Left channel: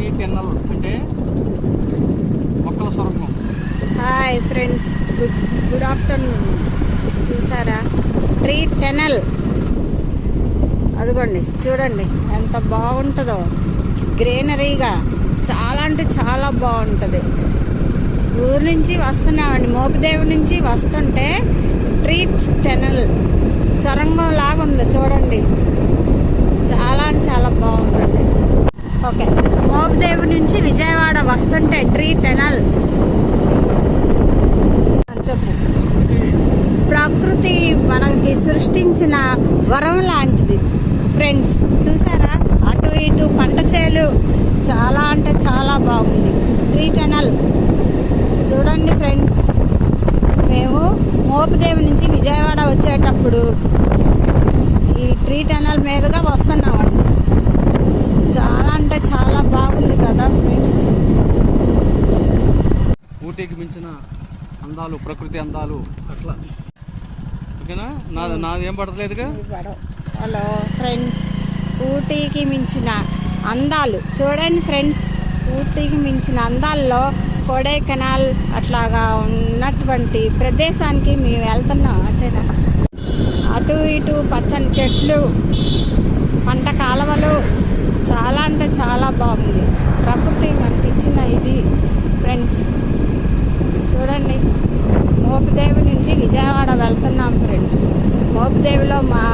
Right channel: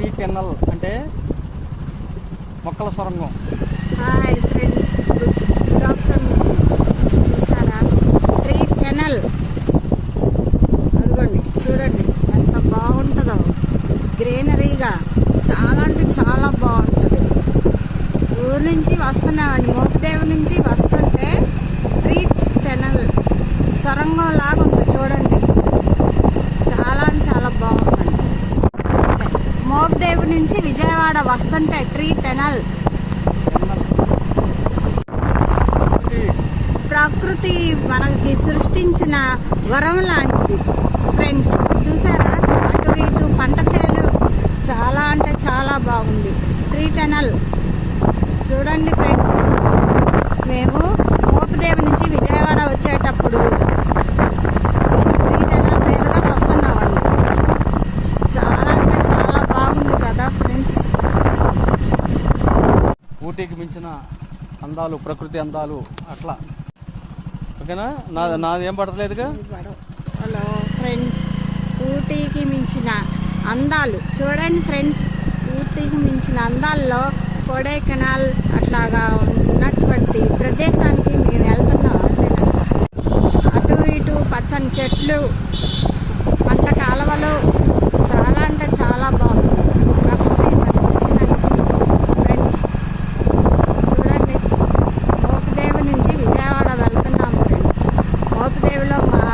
Tree tunnel అంటే మొక్కల సొరంగం. Hi friends, good afternoon. చూసారా ట్రీ టెనల్? అదిగోండి, చూడండి ఎంత బాగుంటుందో, గ్రీనరీగా. చాలా అంటే చాలా బాగుంటుంది. ఊరు నుంచి వస్తున్నామండి, మోపిదేవి నుంచి వస్తుంటే ట్రీ టెనల్ సొరంగం లాగా ఉంది చూడండి. చాలా అంటే చాలా బాగుంది. ఓకే, మోపిదేవి నుంచి విజయవాడ వస్తుంటే ట్రీ టెనల్. ప్రకృతి మనకి సృష్టించిన వరం లాంటిది ఫ్రెండ్స్. చూసారా, అటు ఇటు పంట చేలు చాలా అంటే చాలా బాగుంది. ట్రీ టెనల్ చూడండి ఫ్రెండ్స్. మేము మోపిదేవి నుంచి విజయవాడ వచ్చేటప్పుడు ఈ ట్రీ టెనల్ మీదుగా వస్తున్నామండి. చాలా అంటే చాలా బాగుంది కదా ఫ్రెండ్స్. ఊటీకి మించిన అందాలు, ప్రకృతి అందాలు అట్లా. ఓకేనా? నాది ఏం పడతలేదుగా. హలో ఫ్రెండ్స్, ఊటీకి మించిన అందాలు చూడండి ఫ్రెండ్స్. ఊటీకి మించిన అందాల్లో కొడైకెనాల్ అట్లాగా ఉన్నటువంటి ప్రదేశానికి మేము వెళ్తున్నాం. అంతేనా? అటు ఇటు పచ్చని చెట్లు, పంట కాలువలు, చాలా అంటే చాలా బాగుంది. ప్రకృతి మనకి ఇచ్చిన ఇది ఫ్రెండ్స్. చూడండి, మోపిదేవి నుంచి విజయవాడ వెళ్తున్నాం ఫ్రెండ్స్. మోపిదేవిలో మా